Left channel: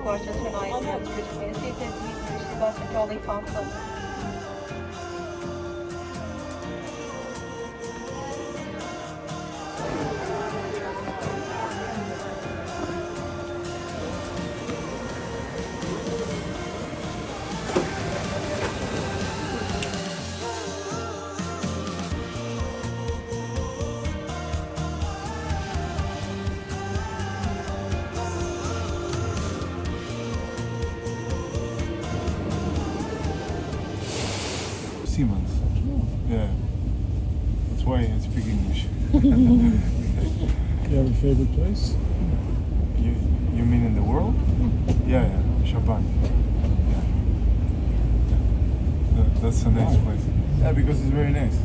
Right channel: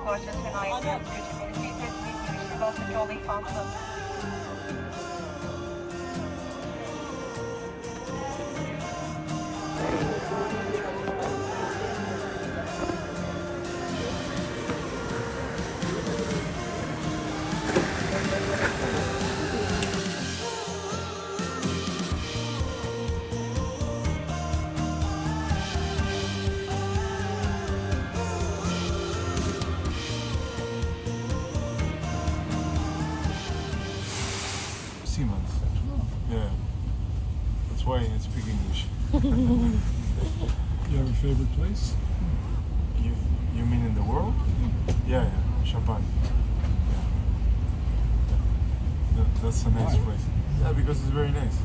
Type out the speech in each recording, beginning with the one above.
Gorgeous and nice, beautiful, seated with of a jolly fountain. Siemens. Yeah. That's why I speak English. You have a favorite place? You mean in the world? Yeah, Japan. Yeah. That's a nice place. Yeah, because it's very nice.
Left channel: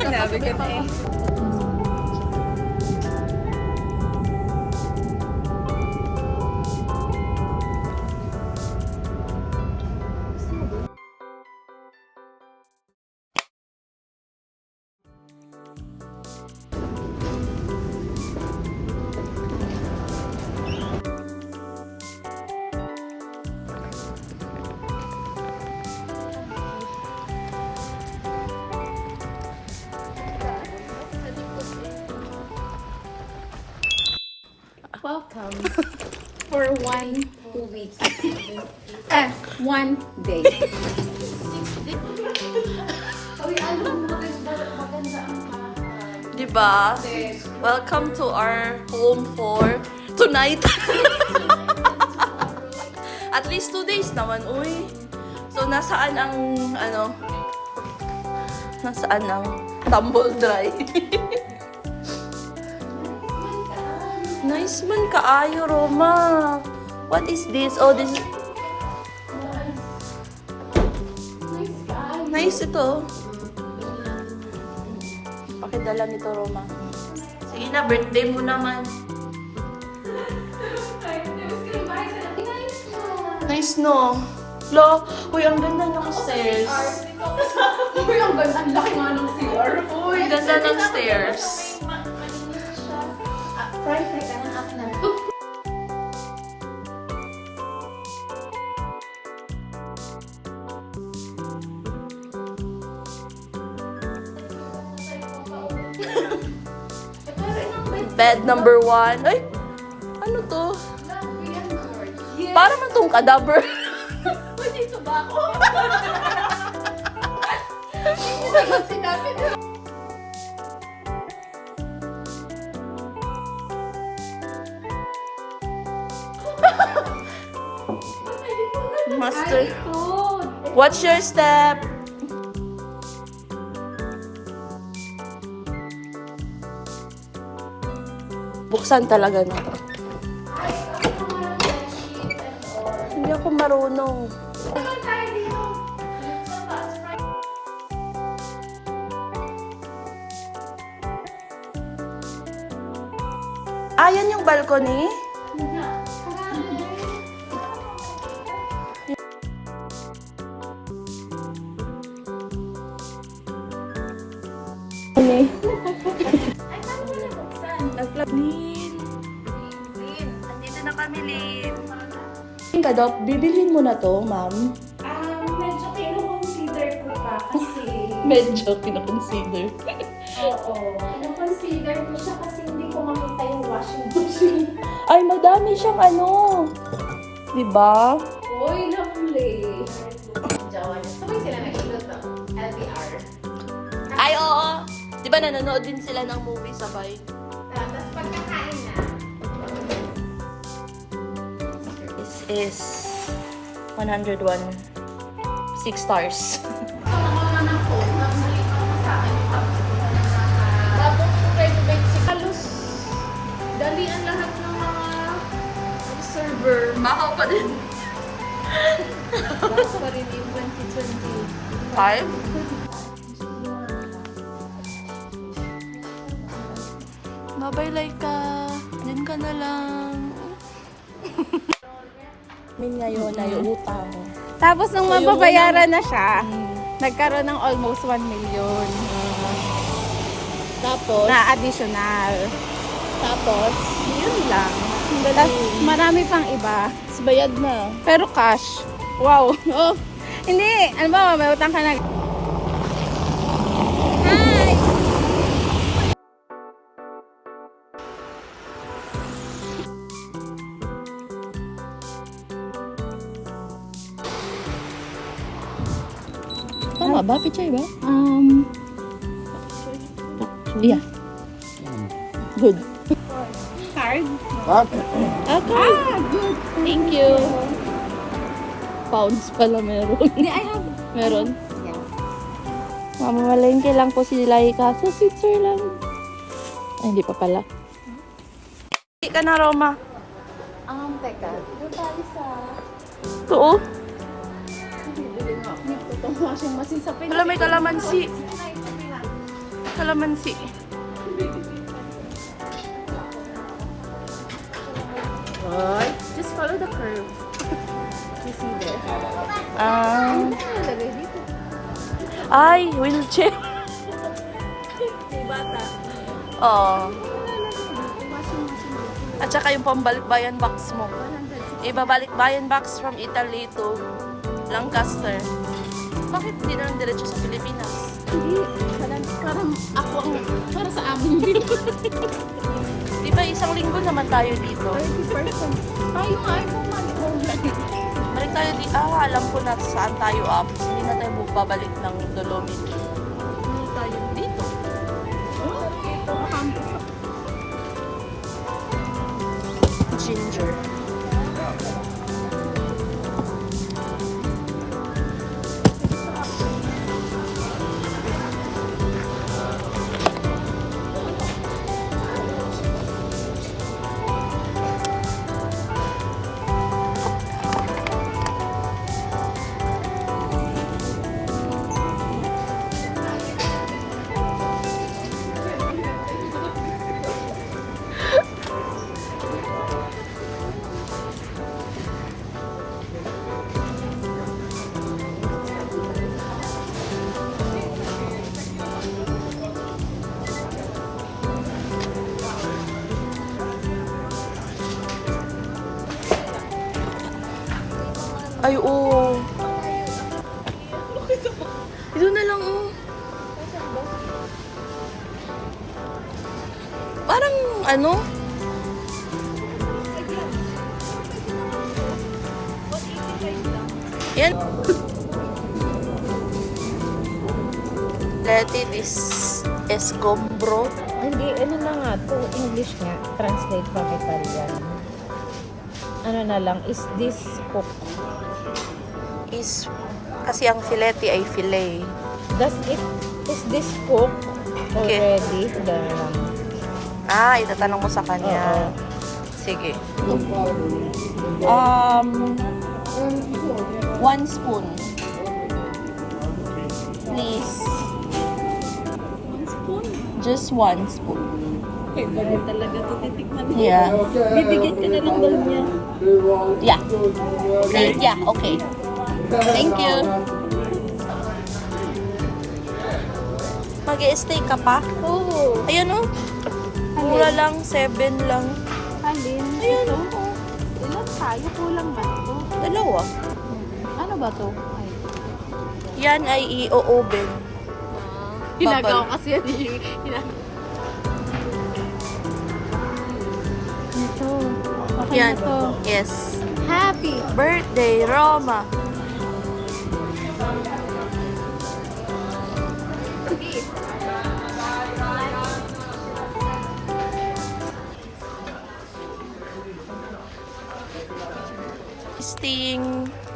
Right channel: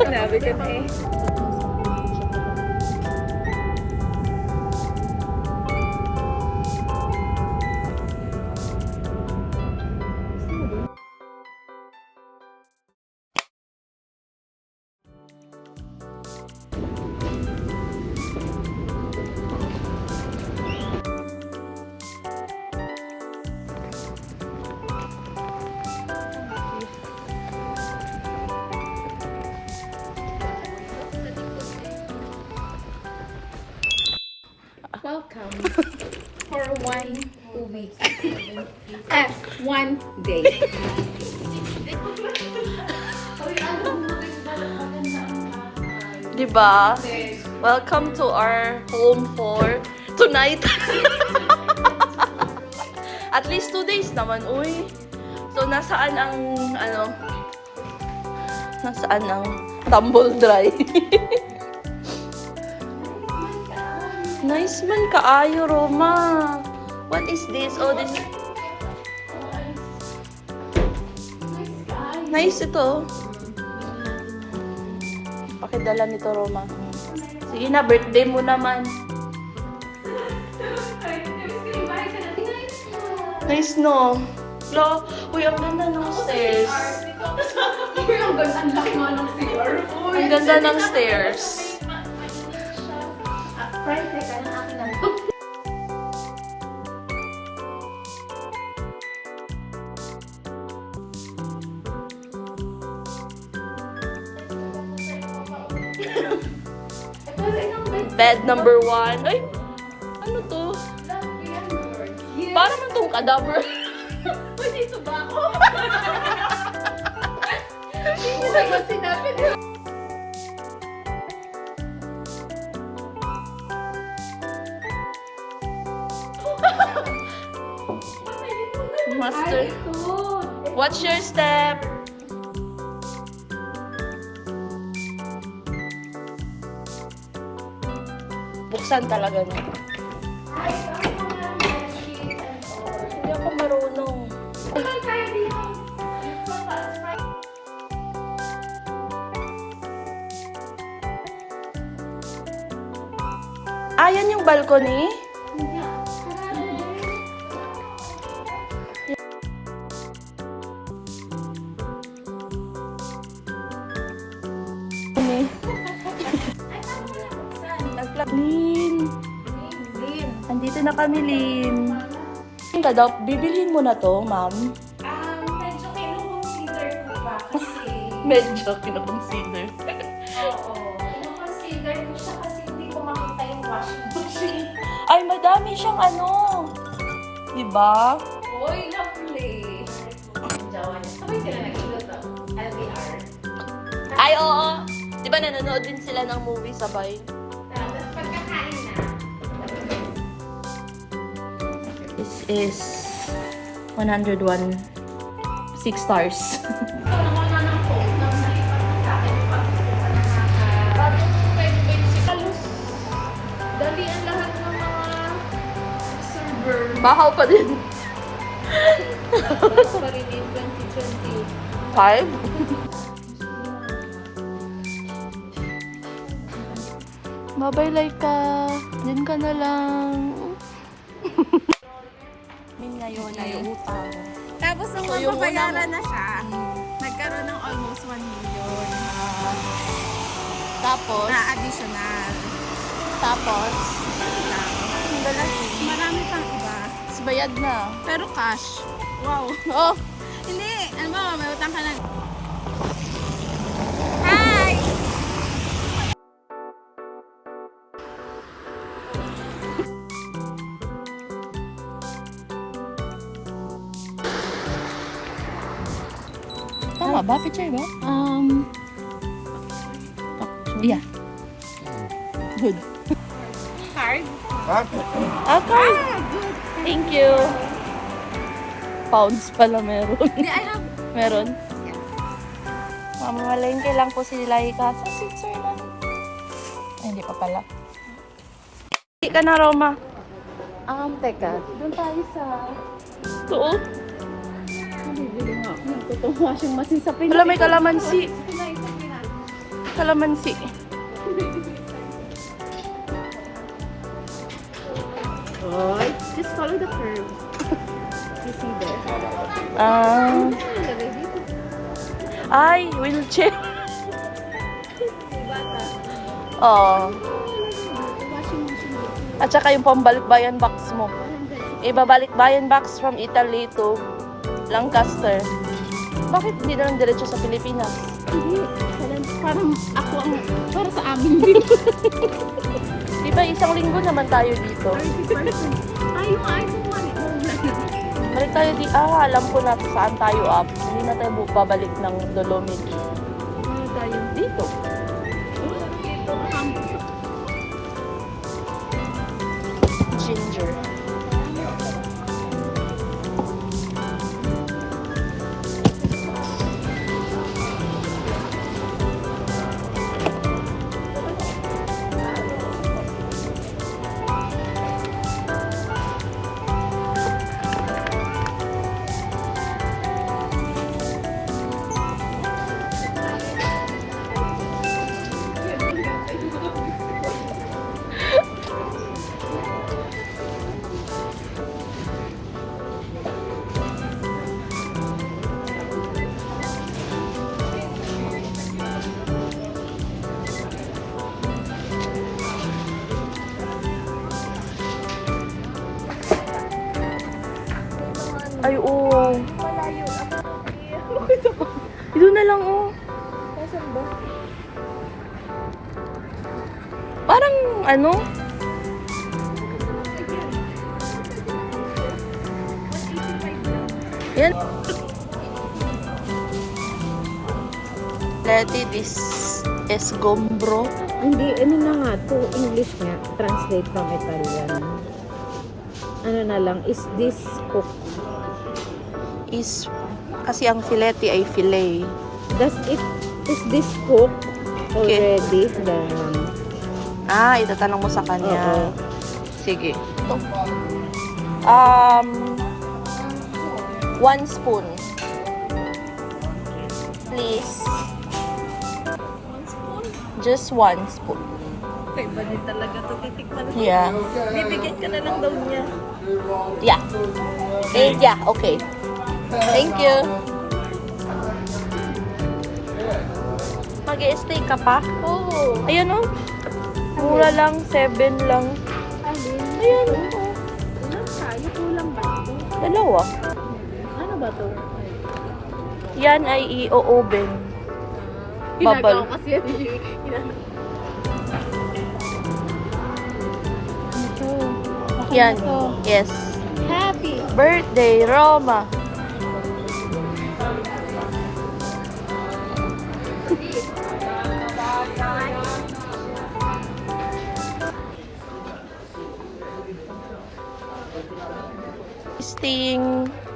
Sinabi ko na eh. Welcome for 2 weeks. 1 day. Diba? Welcome to our home for tonight. At least 2 days naman, uy. So, nasaan ang, nasaan ang tumble dry? Nice man kaayo, Roma. What is this? Oh, this is... Nice ito. Pakidala nito, Roma. Sige na, birthday mo naman. Nice, no? Lo, uy, ang ganda ng stairs. Uy, ang laki nga ng CR. Ang ganda ng stairs. Bed number 1. Ay, ano to? Para man tong cadaver. Dito ba ako? Sinabi ko. Master. Watch your step. Buksan talaga na. Hindi ako marunong. Ayan yung balcony? Lin, andito na kami, Lin. Bibilhin mo na to, ma'am. Medyo kino-consider ko pa kasi... Medyo kinoconsider. Oo. Kino-consider ko siya kasi hindi ko makita yung washing machine. Ay, madami siyang ano. Diba? Uy, lovely. Jowan. Sabay sila nag-ikot to? LDR. Ay, oo. Diba nanonood din sila ng movie sabay? Tapos pagkakain na. This is 101. 6 stars. Pagkakain ng phone, normally parang sa akin pag tapos basic. Halos dalian lahat ng mga server. Bahaw pa din. Pa rin yung 2020. 5? Bye-bye, Laika. Diyan ka na lang. Min ngayon ay utang. Tapos nung So, yung mababayaran unang- na siya, nagkaroon ng almost 1 million Tapos, na additional. tapos, Yun lang. ang Tapos galing. marami pang iba. Bayad na. Pero cash. Wow. Oh, hindi. Ano ba, may utang ka na. Hi! Tama ba? Pichay ba? Yeah. Good. Card? Okay. Thank you. Pounds pala meron. Meron. Mamamalengke lang po si Laika sa Switzerland. Ay, hindi pa pala. Hindi ka na, Roma. Teka. Ito, oh. Itong washing machine sa Pinas. Wala, may kalamansi. Kalamansi. Oy, just follow the curve. You see there? Nalagay dito. Ay, wheelchair. Oh. Washing machine dito. At saka yung pambalik-bayan box mo. Ibabalik-bayan box from Italy to Lancaster. Bakit hindi na lang diretso sa Pilipinas? Hindi. Parang ako ang para sa amin din. Di ba isang linggo naman tayo dito? 30%. Tayo nga ay bumalik. Balik tayo di... Ah, alam ko na saan tayo up. Hindi na tayo babalik ng Dolomiti. Dito. Ginger. Ay, oo. Ito na lang, oh. Parang, ano? Yan. Letty, this is Gombro. Hindi, ano na nga to, English nga, translate from Italian. Ano na lang, is this cook? Is, kasi ang fileti ay filet. Is this cook Okay. already? Ah, itatanong mo sa kanya. Oo. Sige. 1 spoon. Please. Just 1 spoon. Okay, ba din talaga ito titikman? Yeah. Bibigyan ka na lang daw niya. Yeah. Yeah, okay. Thank you. Mag-i-stay ka pa? Oo. Ayan oh. Mura lang, 7 lang. Alin? Ayan Ito? oh. Ilan tayo? Kulang ba ito? Dalawa. Ano ba ito? Yan ay i-oven. Bubble. Ginagawa kasi yan. Ito. Yan. Ito. Yes. Happy. Birthday, Roma.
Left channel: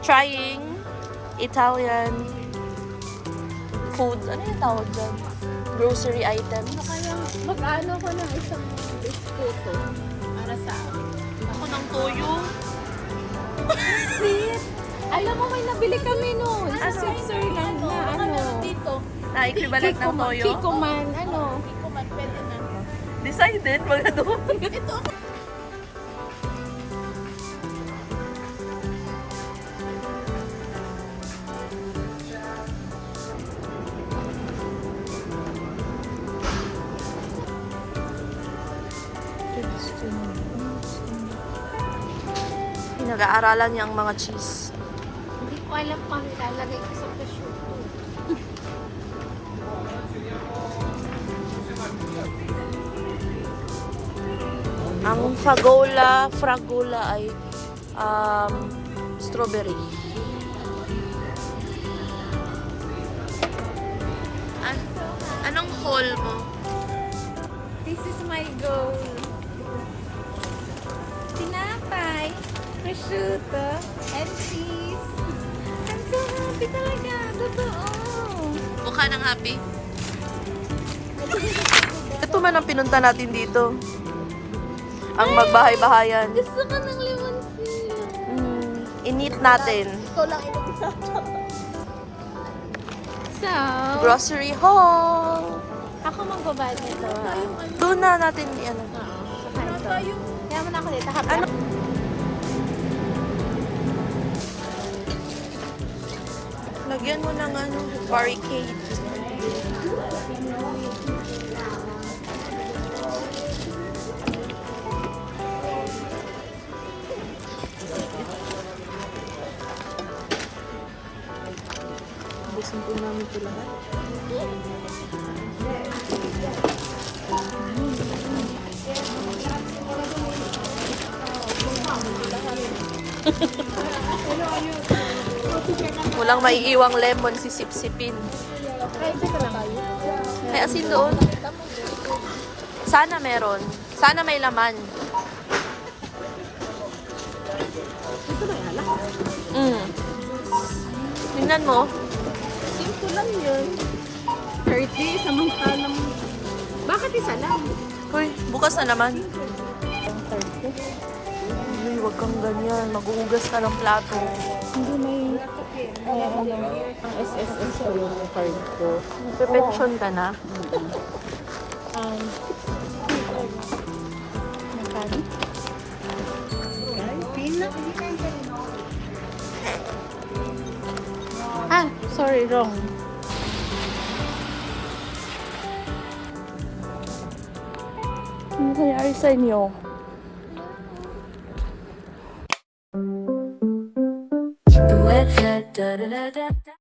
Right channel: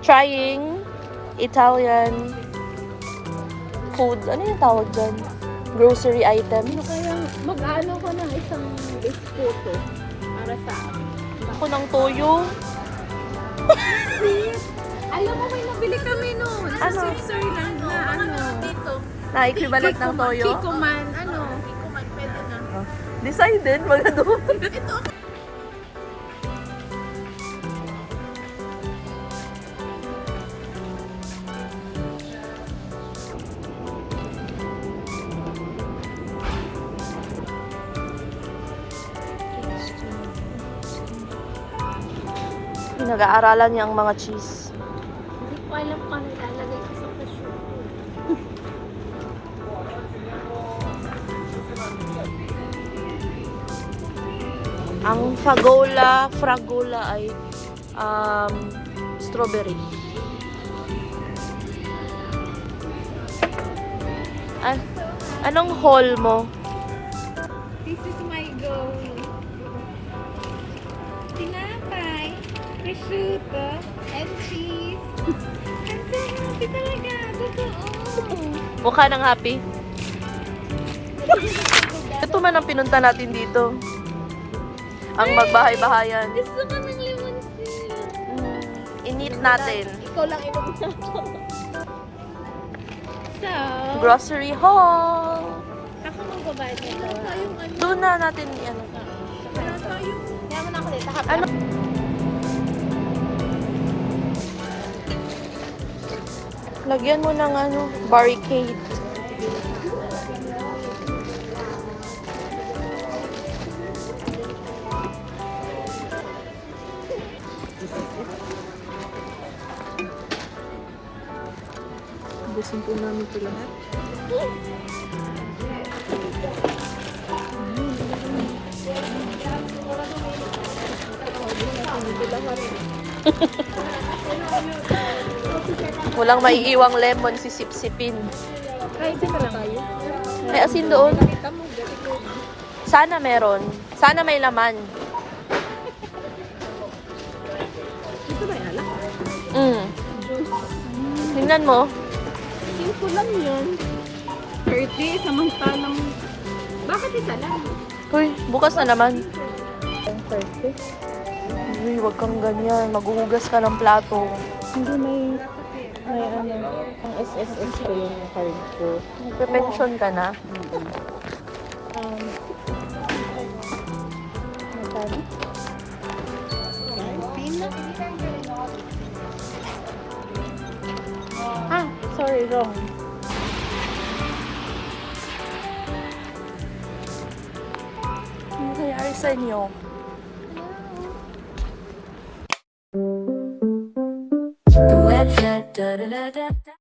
Trying Italian food. Ano yung tawag dyan? Grocery items. Kaya mag-ano ko ng isang biskuto para sa Ako ng toyo. Alam mo, may nabili kami noon. Sa Ano? Switzerland na ano. Na equivalent ng toyo. Kiko man, ano. Decided, mag-adobo. Nag-aaralan niya ang mga cheese. Hindi ko alam kung ilalagay ko sa prosciutto. Ang fragola ay strawberry. Anong haul mo? This is my goal. Tinapay, prosciutto, and cheese. I'm so happy talaga. Totoo. Mukha ng happy. Ito man ang pinunta natin dito. Ang magbahay-bahayan. Gusto ko ng limoncello. I-meet natin. Ikaw lang inom sa So, Grocery haul. ako magbabayad nito. Doon na natin ano. Pero tayo, yaman ako dito. Ano? Lagyan mo ng ano, barricade. Busin po namin ito lahat. Walang maiiwang lemon si sipsipin. Ay, ito lang tayo. May asin doon. Sana meron. Sana may laman. Ito ba yung alak? Tingnan mo. Simple lang yun. 30, samantalang... Bakit isa lang? Uy, bukas na naman. 30? Uy, wag kang ganyan. Maghuhugas ka ng plato. Hindi may... ano, ang SSS ko yung card ko. Nagpe-pension ka na. Magkano? Ah, sorry, wrong. Ano kayari sa inyo? The wet head, da da da da da.